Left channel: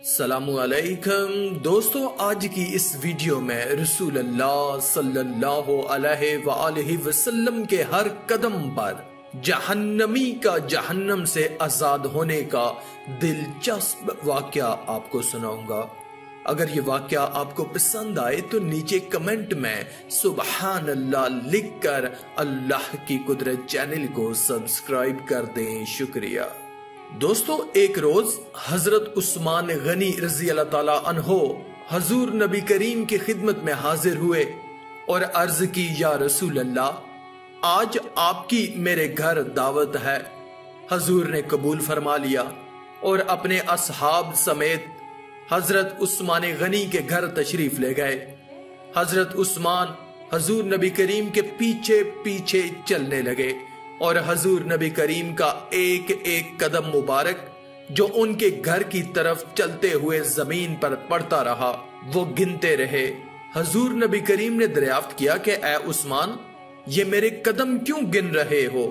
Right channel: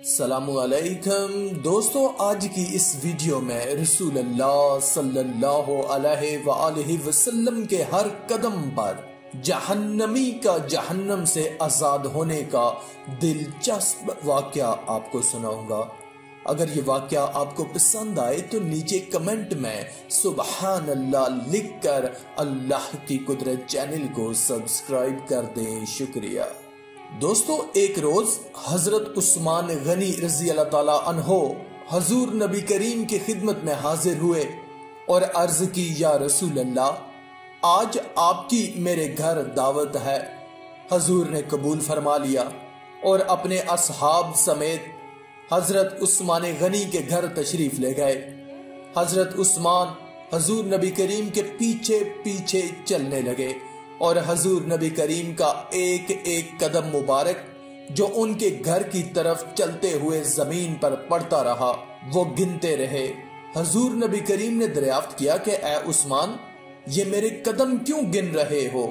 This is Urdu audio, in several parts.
السلام علیکم دوستو، آج کی اس ویڈیو میں رسول اللہ صلی اللہ علیہ وآلہ وسلم کے ہر قدم پر جہنمی کا جہنم سے آزاد ہونے کا دلچسپ واقعہ آپ کو سناؤں گا۔ اگر یہ واقعہ آپ کو پسند آئے تو نیچے کمنٹ میں سبحان اللہ لکھ کر اللہ کی قدرت چینل کو سبسکرائب کر دیں، شکریہ۔ دوستو، ایک روز حضرت عثمان غنی رضی اللہ تعالی عنہ حضور نبی کریم کی خدمت میں حاضر ہوئے اور عرض کی، یا رسول اللہ، آج آپ کی میرے گھر دعوت ہے۔ حضور نے قبول فرما لیا اور اپنے اصحاب سمیت حضرت عثمان غنی کے گھر تشریف لے گئے۔ حضرت عثمان حضور نبی کریم کے پیچھے پیچھے چلنے لگے اور حضور نبی کریم کا ایک ایک قدم مبارک جو ان کے گھر کی طرف چلتے ہوئے زمین پر پڑتا رہا وہ گنتے رہے۔ حضور نبی کریم نے دریافت کیا کہ اے عثمان، یہ میرے قدم کیوں گن رہے ہو؟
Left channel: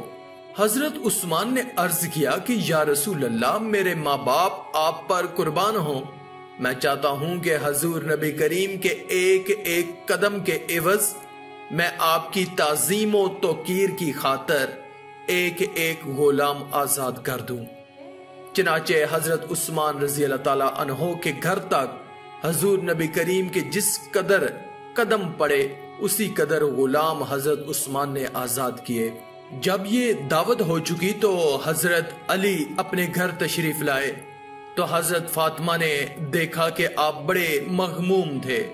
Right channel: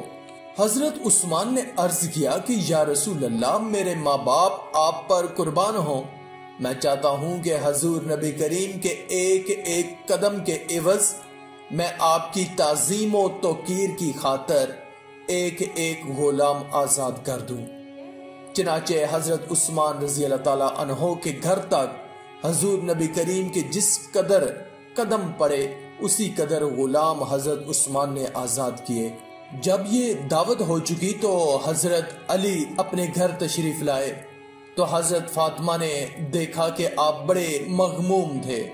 حضرت عثمان نے عرض کیا کہ یا رسول اللہ، میرے ماں باپ آپ پر قربان ہوں، میں چاہتا ہوں کہ حضور نبی کریم کے ایک ایک قدم کے عوض میں آپ کی تعظیم و توقیر کی خاطر ایک ایک غلام آزاد کر دوں۔ چنانچہ حضرت عثمان رضی اللہ تعالی عنہ کے گھر تک حضور نبی کریم کے جس قدر قدم پڑے اسی قدر غلام حضرت عثمان نے آزاد کیے۔ جب یہ دعوت ہو چکی تو حضرت علی اپنے گھر تشریف لائے تو حضرت فاطمہ نے دیکھا کہ آپ بڑے مغموم تھے۔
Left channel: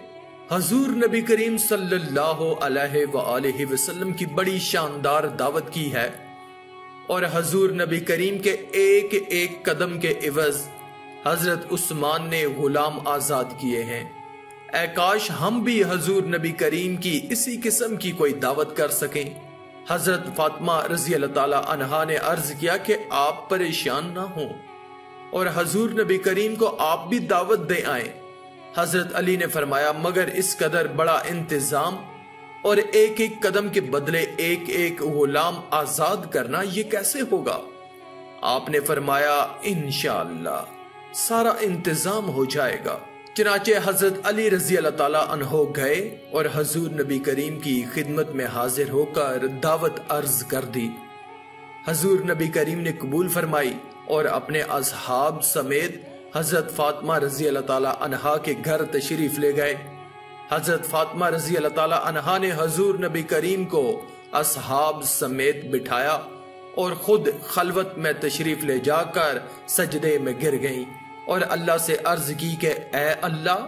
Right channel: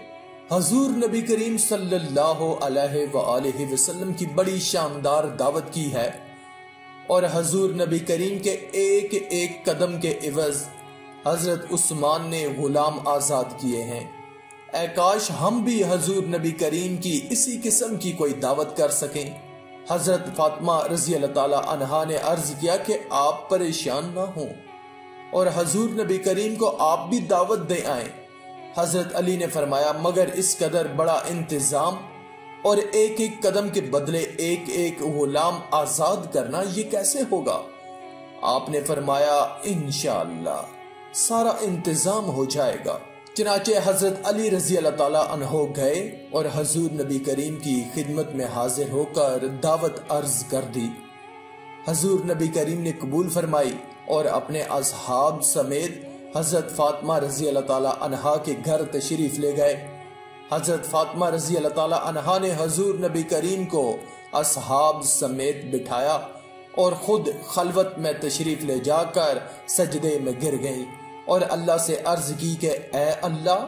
حضور نبی کریم صلی اللہ علیہ وآلہ وسلم کی بڑی شاندار دعوت کی ہے اور حضور نبی کریم کے ایک ایک قدم کے عوض حضرت عثمان نے غلام آزاد کیے ہیں۔ اے کاش ہم بھی حضور نبی کریم کی اسی قسم کی کوئی دعوت کر سکیں۔ حضرت فاطمہ رضی اللہ تعالی عنہا نے عرض کیا کہ آپ پریشان نہ ہوں اور حضور نبی کریم کو آپ بھی دعوت دے آئیں۔ حضرت علی نے فرمایا، مگر اس قدر بڑا انتظام اور ایک ایک قدم کے بدلے ایک ایک غلام آزاد کرنا یہ کیسے ہوگا؟ آپ نے فرمایا، انشاءاللہ سارا انتظام ہو جائے گا۔ چنانچہ حضرت علی رضی اللہ تعالی عنہ گئے اور حضور نبی کریم کی خدمت میں حاضر ہو کر دعوت عرض کر دی۔ حضور نبی کریم نے قبول فرمائی اور اپنے اصحاب سمیت حضرت فاطمہ رضی اللہ تعالی عنہا کے گھر تشریف لے گئے۔ حضرت فاطمہ رضی اللہ تعالی عنہا نے حضور نبی کریم کو اصحاب سمیت بٹھایا اور خود خلوت میں تشریف لے جا کر سجدے میں گر گئیں اور اللہ سے عرض کی کہ اے اللہ،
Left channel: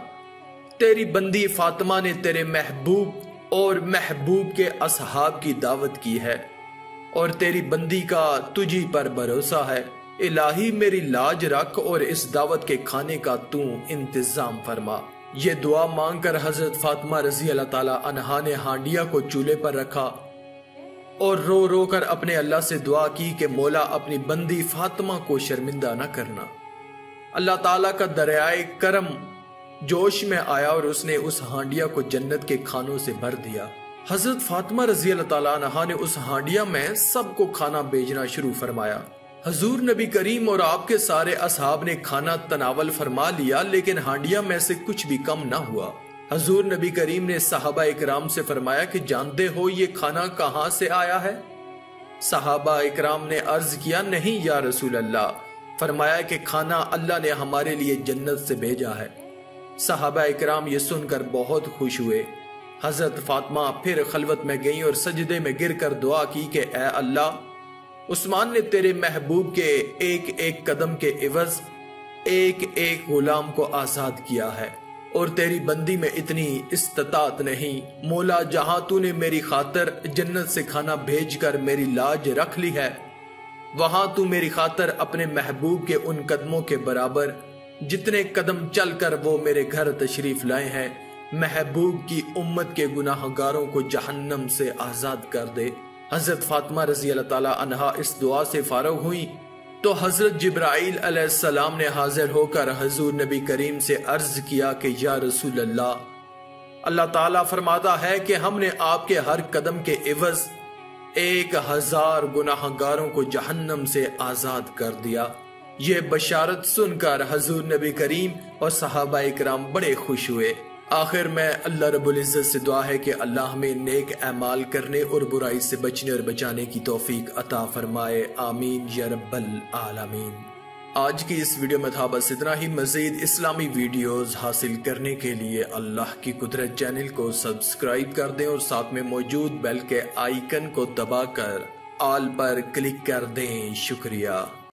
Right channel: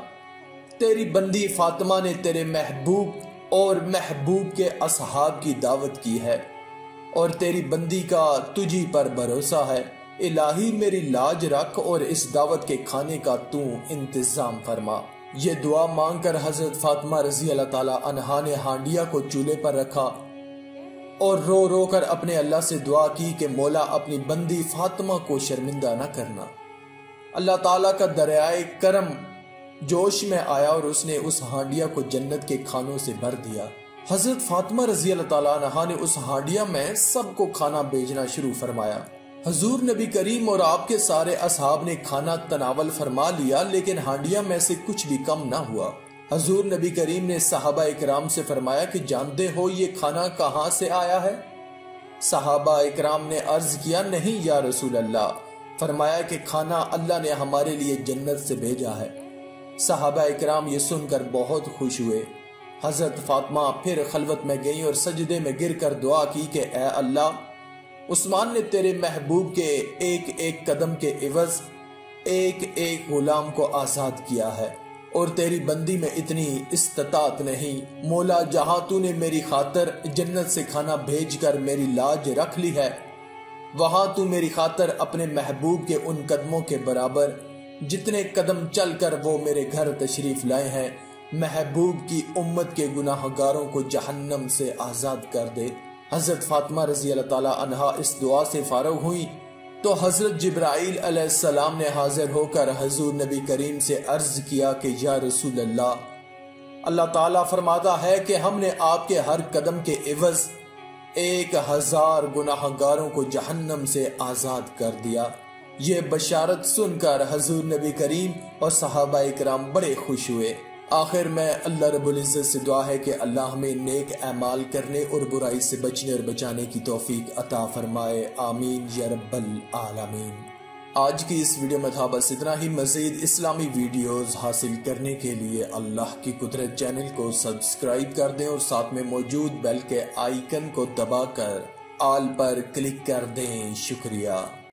تیری بندی فاطمہ نے تیرے محبوب اور محبوب کے اصحاب کی دعوت کی ہے اور تیری بندی کا تجھی پر بھروسہ ہے۔ الہی میری لاج رکھ اور اس دعوت کے کھانے کا تو انتظام فرما۔ یہ دعا مانگ کر حضرت فاطمہ رضی اللہ تعالی عنہا نے ہانڈیا کو چولہے پر رکھا اور رو رو کر اپنے اللہ سے دعا کی کہ مولا اپنی بندی فاطمہ کو شرمندہ نہ کرنا۔ اللہ تعالیٰ کا دریائے کرم جوش میں آیا اور اس نے اس ہانڈیا کو جنت کے کھانوں سے بھر دیا۔ حضرت فاطمہ رضی اللہ تعالی عنہا نے اس ہانڈیا میں سب کو کھانا بھیجنا شروع فرمایا۔ حضور نبی کریم اور آپ کے سارے اصحاب نے کھانا تناول فرما لیا، لیکن ہانڈیا میں سے کچھ بھی کم نہ ہوا۔ حضور نبی کریم نے صحابہ اکرام سے فرمایا کہ جانتے ہو یہ کھانا کہاں سے آیا ہے؟ صحابہ اکرام نے عرض کیا، نہیں یا رسول اللہ۔ فرمایا کہ کھانا اللہ نے ہمارے لیے جنت سے بھیجا ہے۔ صحابہ اکرام یہ سن کر بہت خوش ہوئے۔ حضرت فاطمہ پھر خلوت میں گئیں اور سجدے میں گر کر دعا کی کہ اے اللہ، عثمان نے تیرے محبوب کے ایک ایک قدم کے عوض ایک ایک غلام کو آزاد کیا ہے اور تیری بندی میں اتنی استطاعت نہیں۔ مولا، جہاں تو نے میری خاطر جنت سے کھانا بھیج کر میری لاج رکھ لی ہے، وہاں تو میری خاطر اپنے محبوب کے ان قدموں کے برابر جتنے قدم چل کر وہ میرے گھر تشریف لائے ہیں، محبوب کی امت کے گناہ گاروں کو جہنم سے آزاد کر دے۔ حضرت فاطمہ رضی اللہ تعالی عنہا اس دعا سے فارغ ہوئی تو حضرت جبرائیل علیہ السلام نے حاضر ہو کر حضور نبی کریم سے عرض کیا کہ یا رسول اللہ، اللہ تعالیٰ فرماتا ہے کہ ہم نے آپ کے ہر قدم کے عوض 1000 گناہ گاروں کو جہنم سے آزاد کر دیا۔ یہ بشارت سن کر حضور نبی کریم اور صحابہ اکرام بڑے خوش ہوئے۔ آخر میں اللہ رب العزت سے دعا ہے کہ اللہ ہمیں نیک اعمال کرنے اور برائی سے بچنے اور بچانے کی توفیق عطا فرمائے، آمین یا رب العالمین۔ آج کی اس ویڈیو میں تھا بس اتنا ہی۔ مزید اسلامی ویڈیوز حاصل کرنے کے لیے اللہ کی قدرت چینل کو سبسکرائب کر دیں اور ساتھ میں موجود بیل کے آئیکن کو دبا کر آل پر کلک کر دیں۔ شکریہ۔